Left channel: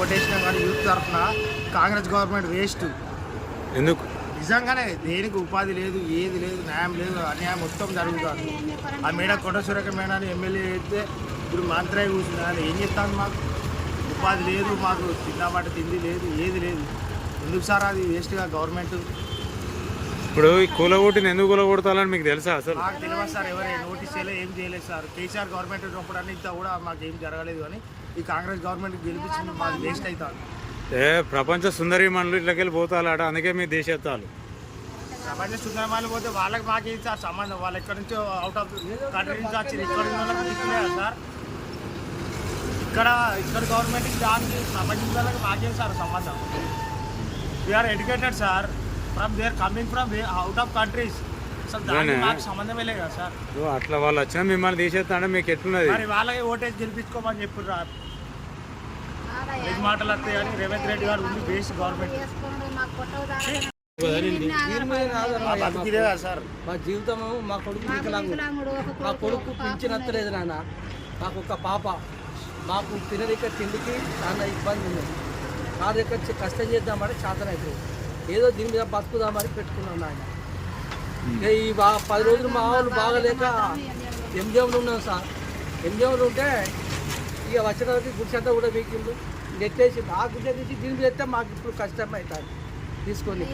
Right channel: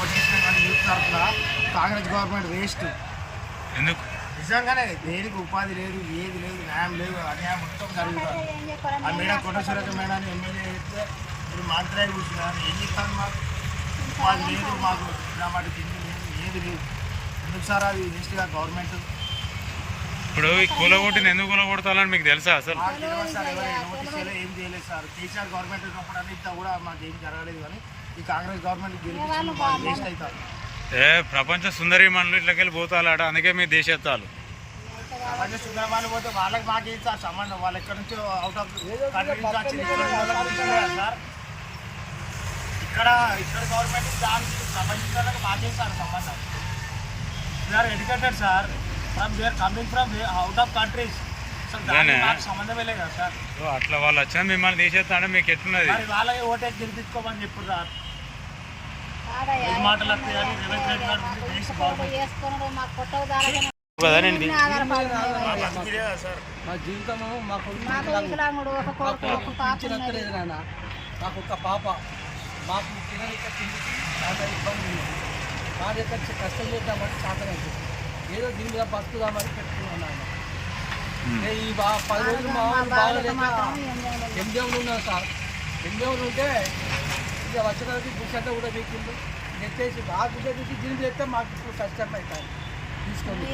ఓటేసినా కానీ యూత్ తరఫున Congress government waste. ఎందుకు? నిజంగానే దేనికి ఉపాధి లేదు, ఏది లేదు, న్యాయం లేదు, అన్యాయం మొత్తం జరుగుతుంది. ఆ మేడ కొండ సురేఖ మేడాన్ని ఎమ్మెల్యే అయితే ఇప్పుడు మంత్రి కూర్చున్నా కానీ ఏం చెప్తాను? మాకు ఉపాధి లేదు, మాకు తిన్నమాట తిండి లేదు, ఏది లేదు. ఎందుకు సార్ అది వేస్ట్గా గవర్నమెంట్? ఇప్పుడు ఈ కూలగొట్టిని ఎందుకు కూలగొడతాలని మీకు తెలుసా? అసలు మాకు తెలియదు సార్, ఎవరు నోటీస్ చేయలేదు, ఏం చేయలేదు సార్. కేసీఆర్ గవర్నమెంట్ ఉన్నప్పుడు అన్ని ఇంత కూడా మాకు ఏం జరగలేదు. కానీ ఈ కాంగ్రెస్ గవర్నమెంట్ గెలిపించింది మాకు వేస్ట్ అవుతారు. ప్రపంచ సుందరిమణులు ఇట్లకెళ్ళి పోతాలట, అందుకే మీ దేశత్తాలు ప్రపంచ సుందరమాలు పోతే వాళ్ళకి మాకేం సార్ సంబంధం? వాళ్ళు ఎక్కడి నుంచో అవుట్ ఆఫ్ కంట్రీ నుంచి వచ్చింది, ఇక్కడ ఉన్న వాళ్ళకి దిక్కులేదా సార్? ఇక్కడ గవర్నమెంట్కి దానికి ప్రపంచం వాళ్ళకి మాకేం సార్ సంబంధం? We are educated sir, they are coming from out of countries. అసలు దానికి మాకు సంబంధమే లేదు కదా సార్. అట్లా వాళ్ళు వచ్చినా మిమ్మల్ని తీసేస్తా అంటే మీకు ఎట్లున్నది? మరి వాళ్ళకి ఓటేసి గెలిపించుకోమని చెప్పారు సార్. ఐదు మాటలు వస్తాయి కానీ రేవంత్ రెడ్డి గారు ఉంది బేస్ గవర్నమెంట్ మా జీవితము మా కొడుకు మా కొడుకు పింఛనత్తలేదు నాన్న. మాకు ఒక పాప, మాకు తినరిక తిండికి చాలా ఇబ్బంది ఉన్నది. కార్యకర్త కష్టం చేద్దామని చేతనైతుంది, ఏదో దీని మీద బతుకుదామని పెట్టుకున్నాం నాయన. ఈ 10 రోజులు మా వాళ్ళు బాగలేక ఎంజంలో ఉన్నాం సార్. ఎంజంలో ఉంటే ఇక వచ్చేటప్పటికి గుడిసంతా కూడా వీకిండు. ఇది ఎత్తేసి ఆ గుడ్డ తీసి దీని మీద ఎత్తే మాకు ఇప్పుడు కష్టం అవుతుంది తీసుకొని.